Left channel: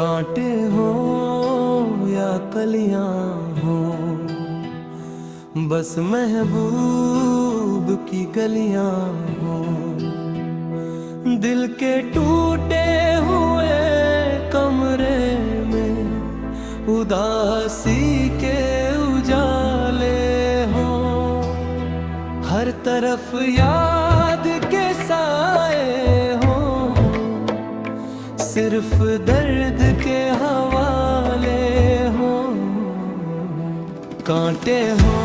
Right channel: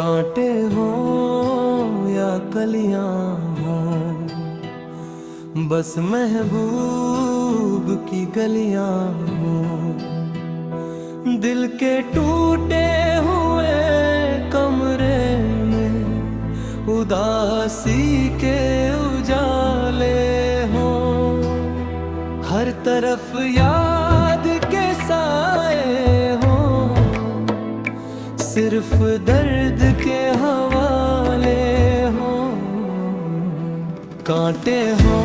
कांटे हो या कलियां हो, बस महबूब की गलियां हो। दिल के टूटे हुए कमरे में उदासी के उजाले हो। हर तरफ याद के साए हो, सिर्फ दर्द के हवाले हो। कांटे हो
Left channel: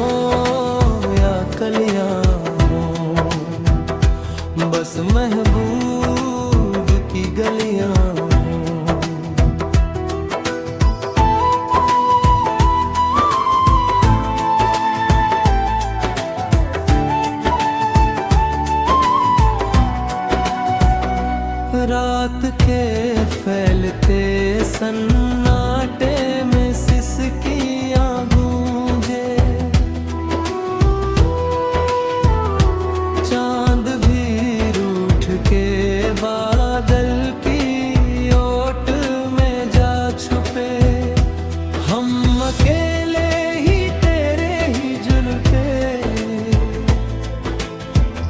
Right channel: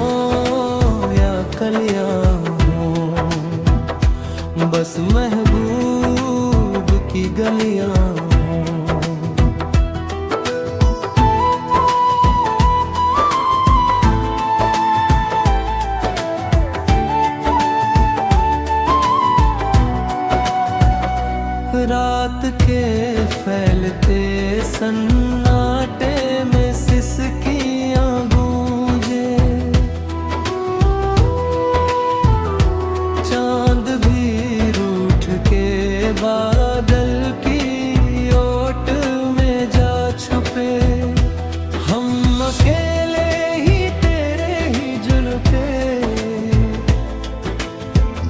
या कलियां हो, बस महबूब की गलियां हो। रात के फैलते सन्नाटे में सिसकियां गूंजे। चांद भी रूठ के बादल की ओट में जा छुपे। हम अकेले ही तेरे ही जुनके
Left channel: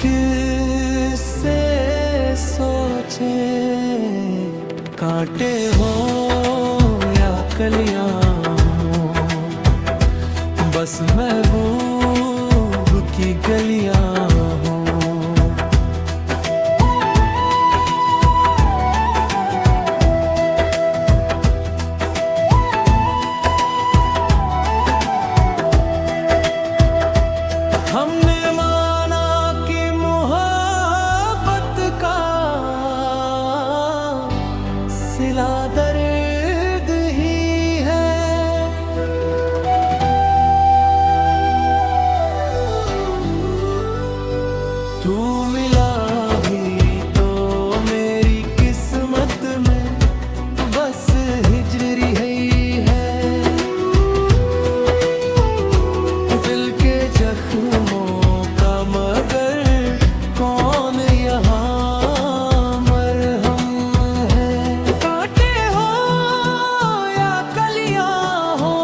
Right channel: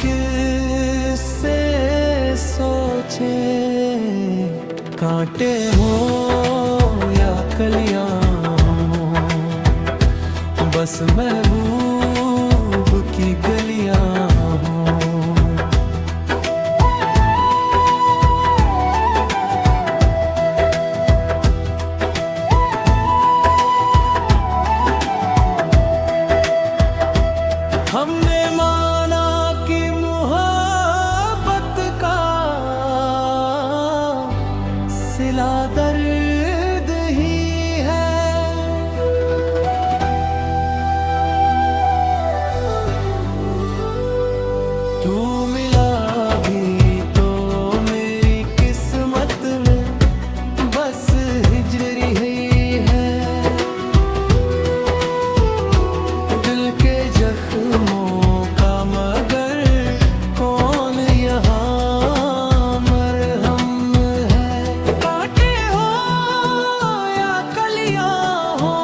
किससे सोचे। कांटे हो या कलियां हो, बस महबूब की गलियां हो। हमने माना कि मोहब्बत का सिला दर्द ही है। तू मिला भी तो मेरी किस्मत में बस हिजरी है। दिल के जख्मों का मगर कौन यहाँ मरहम है। कांटे हो या कलियां हो,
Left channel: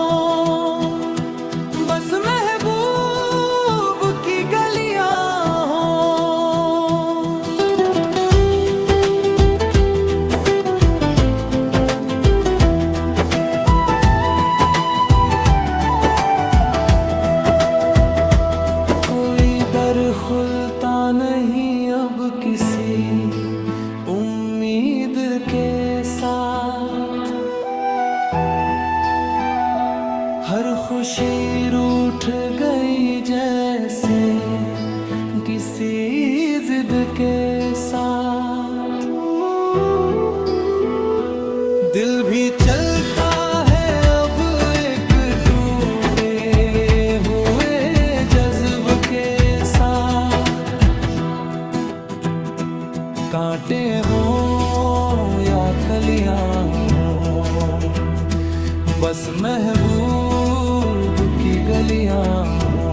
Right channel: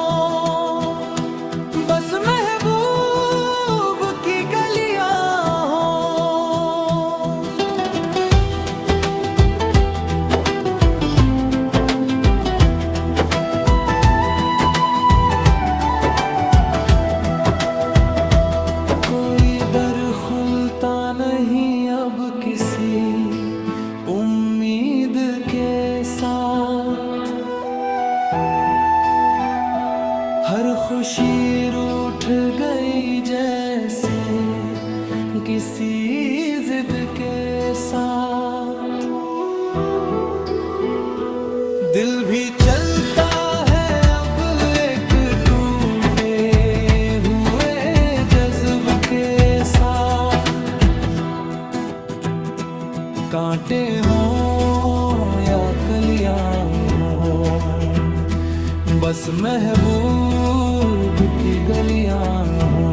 बस महबूब की गलियां हो। कोई दर खुलता नहीं अब किसी उम्मीद के साथ। हर खुशी रूठ गई जैसे किसी जिद के साथ। दिल भी चलता है अब एक टूटे हुए जज्ब के साथ। कांटे हो या कलियां हो, बस महबूब की गलियां हो।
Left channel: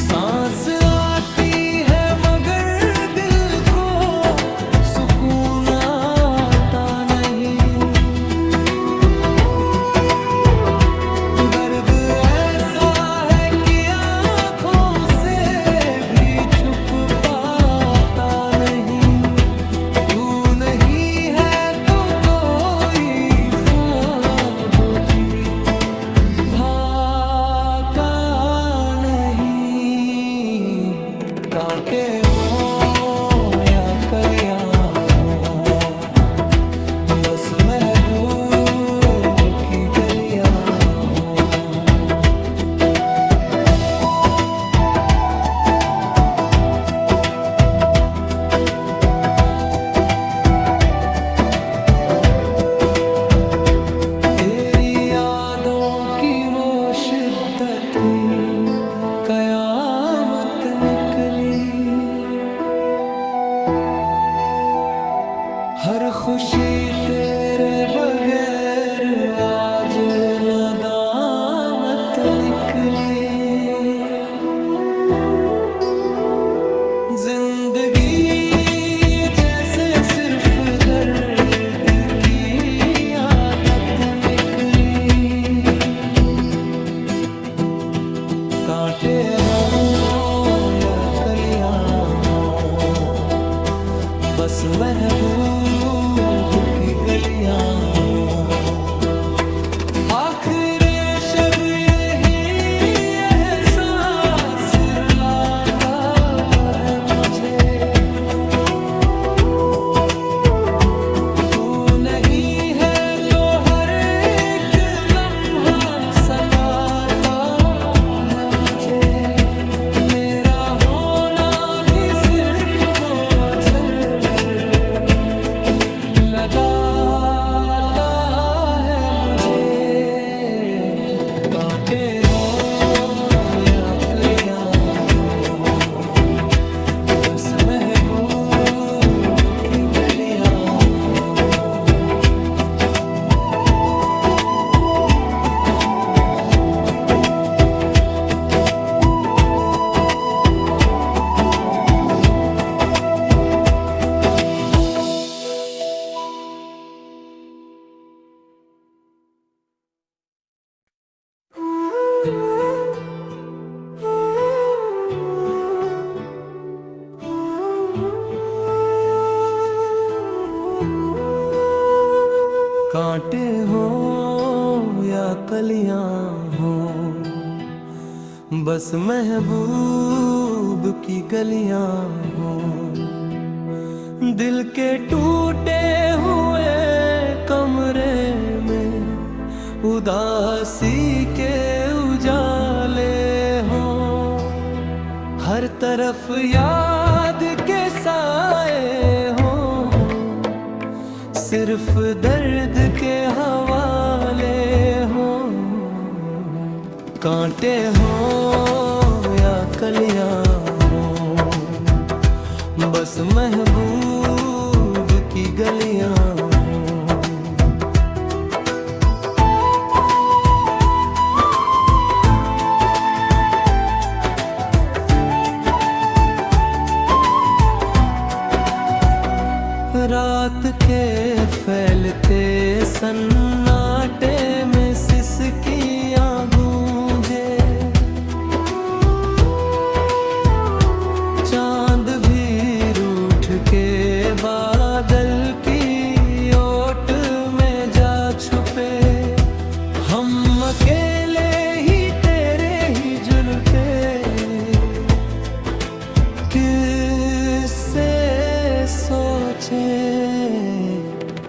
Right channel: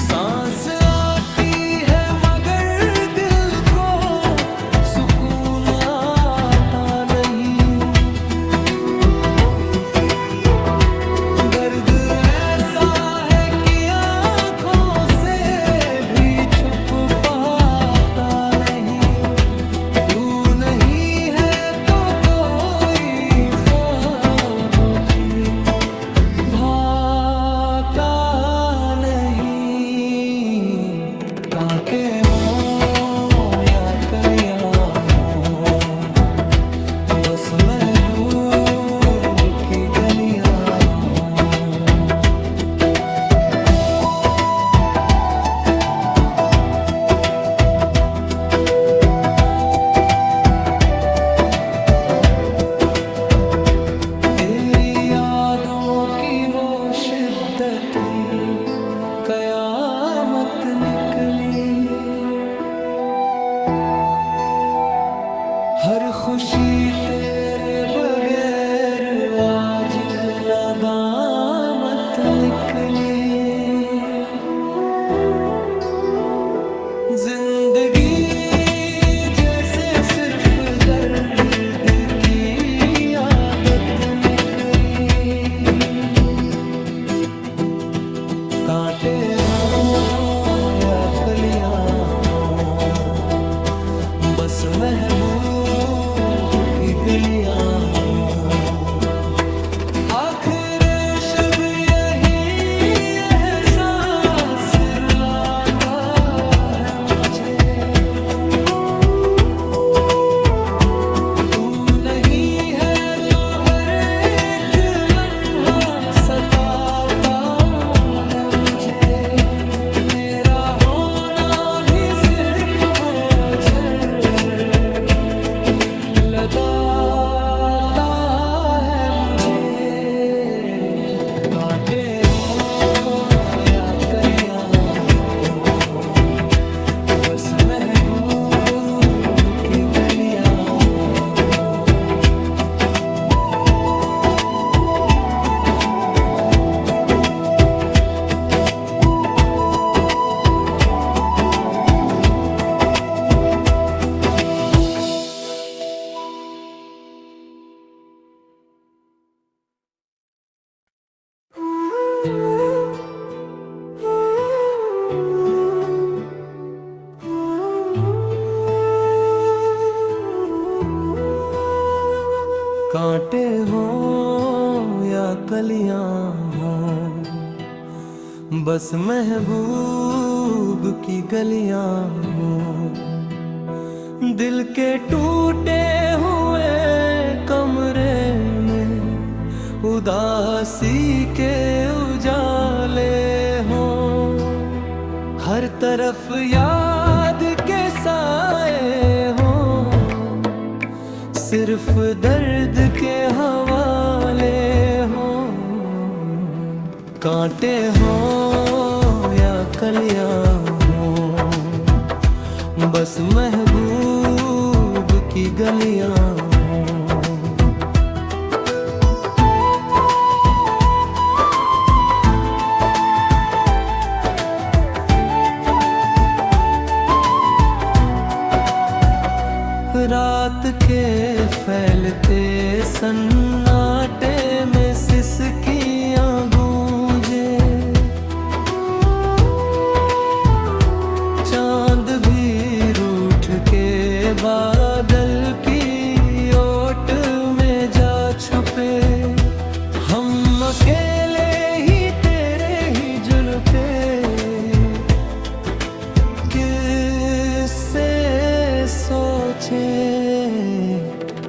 सांस आती है मगर दिल को सुकून आता नहीं। दर्द ऐसा है कि आँखों से भी छुप पाता नहीं। तू नहीं है तो कोई ख्वाब की भाका नहीं। कांटे हो या कलियां हो, बस महबूब की गलियां हो। तेरी यादों की वो शिद्दत भी कयामत निकली। हर खुशी तेरे बगैर आज नदामत निकली। जिंदगी जैसे सिर्फ दर्द की कांटे हो या कलियां हो, बस महबूब की गलियां हो। आखिरे शब यही एहसास रुलाता है मुझे, तू नहीं है तो हर एक लम्हा सताता है मुझे। मेरा होना भी सिर्फ बोझल लदाता है मुझे। कांटे हो या कलियां हो, बस महबूब की गलियां हो। कांटे हो या कलियां हो, बस महबूब की गलियां हो। दिल के टूटे हुए कमरे में उदासी के उजाले हो, हर तरफ याद के साए हो, सिर्फ दर्द के हवाले हो। कांटे हो या कलियां हो, बस महबूब की गलियां हो। रात के फैलते सन्नाटे में सिसकियां गूंजे, चांद भी रूठ के बादल की ओट में जा छुपे। हम अकेले ही तेरे ही जुनके किससे सोचे।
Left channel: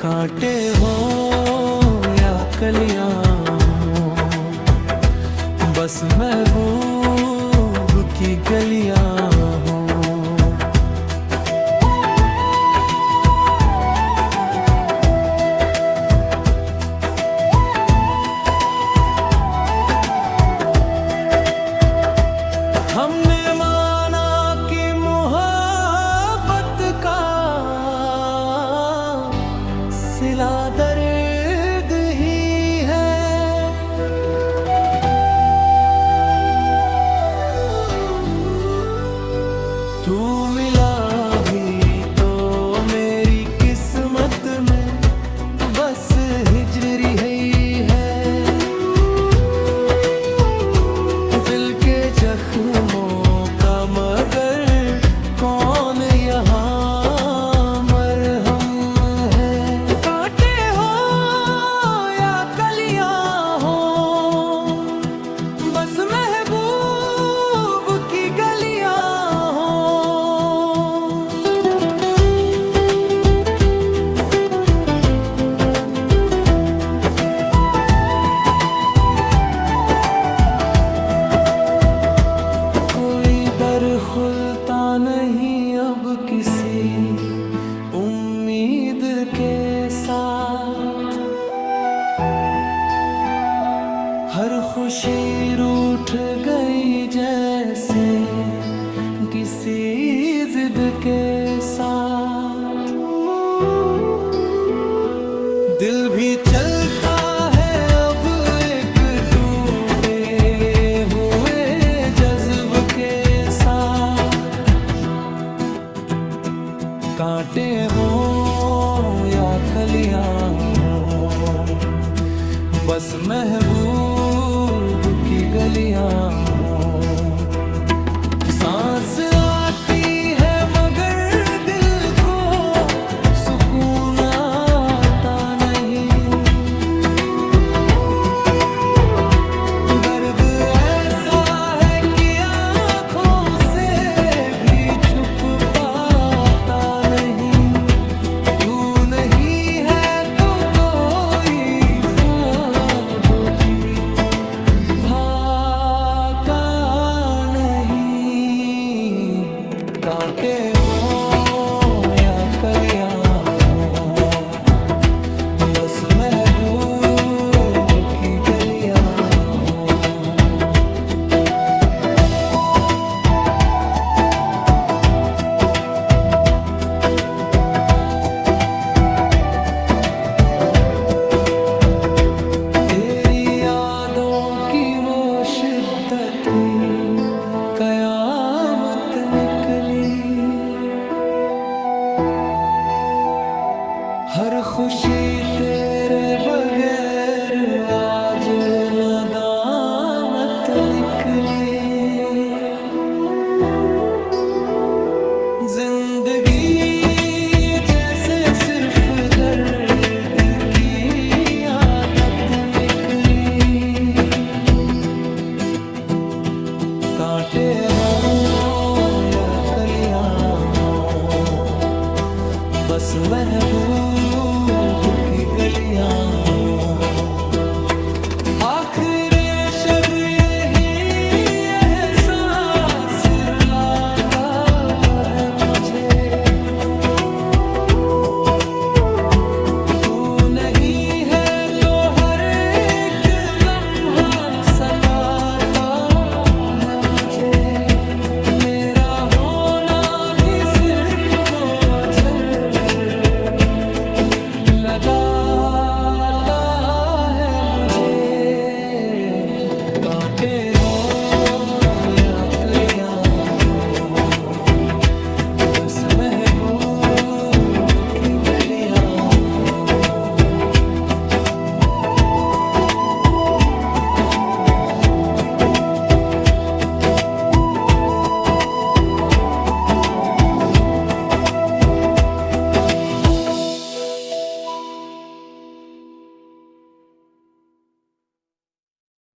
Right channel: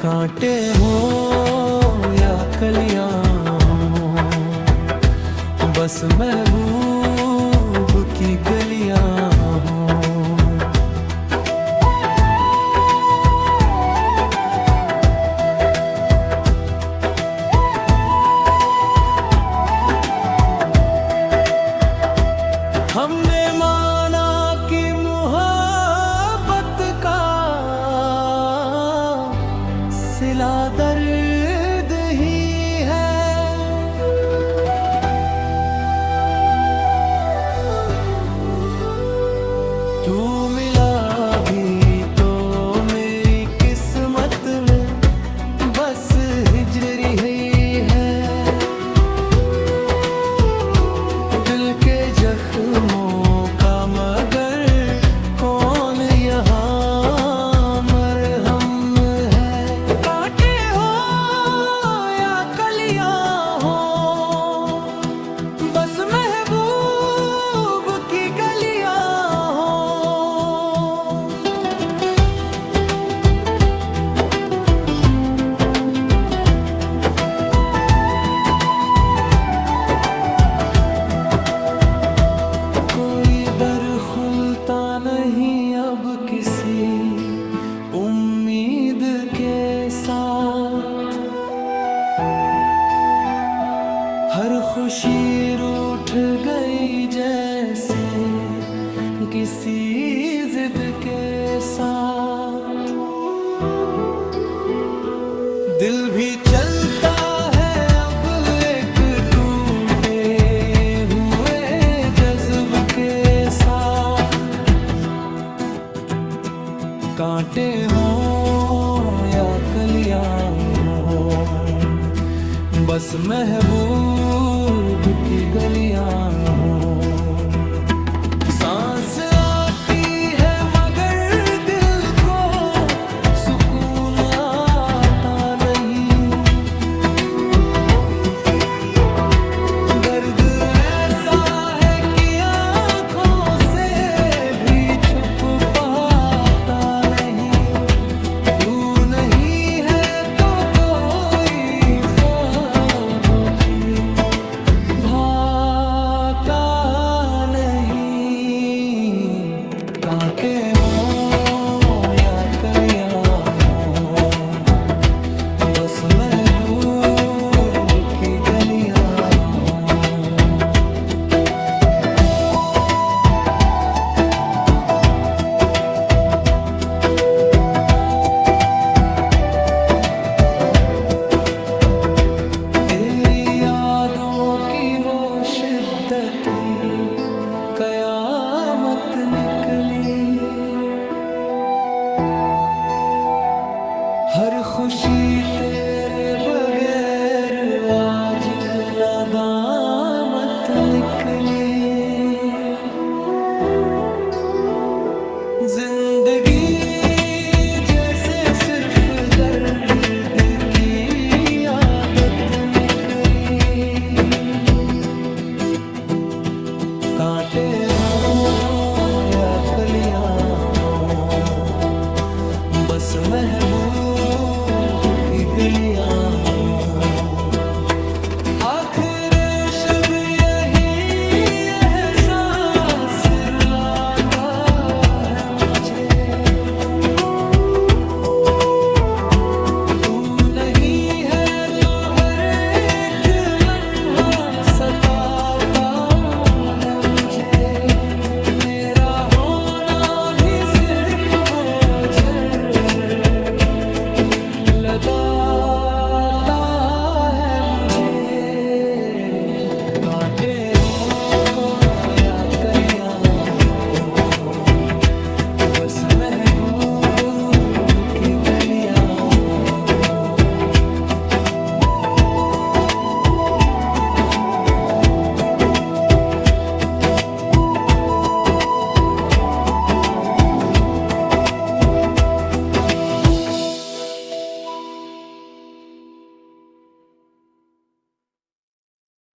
कांटे हो या कलियां हो, बस महबूब की गलियां हो। हमने माना कि मोहब्बत का सिला दर्द ही है, तू मिला भी तो मेरी किस्मत में बस हिजरी है। दिल के जख्मों का मगर कौन यहाँ मरहम है। कांटे हो या कलियां हो, बस महबूब की गलियां हो। कोई दर खुलता नहीं अब किसी उम्मीद के साथ, हर खुशी रूठ गई जैसे किसी जिद के साथ। दिल भी चलता है अब एक टूटे हुए जज्ब के साथ। कांटे हो या कलियां हो, बस महबूब की गलियां हों। सांस आती है मगर दिल को सुकून आता नहीं। दर्द ऐसा है कि आंखों से भी छुप पाता नहीं। तू नहीं है तो कोई ख्वाब की भाका नहीं। कांटे हों या कलियां हों, बस महबूब की गलियां हों। तेरी यादों की वो शिद्दत ही कयामत निकली। हर खुशी तेरे बगैर आज नदामत निकली। जिंदगी जैसे सिर्फ दर्द की आदत निकली। कांटे हों या कलियां हों, बस महबूब की गलियां हों। आखिरे शब यही एहसास रुलाता है मुझे। तू नहीं है तो हर एक लम्हा सताता है मुझे। मेरा होना भी सिर्फ बोझल लगाता है मुझे। कांटे हों या कलियां हों, बस महबूब की गलियां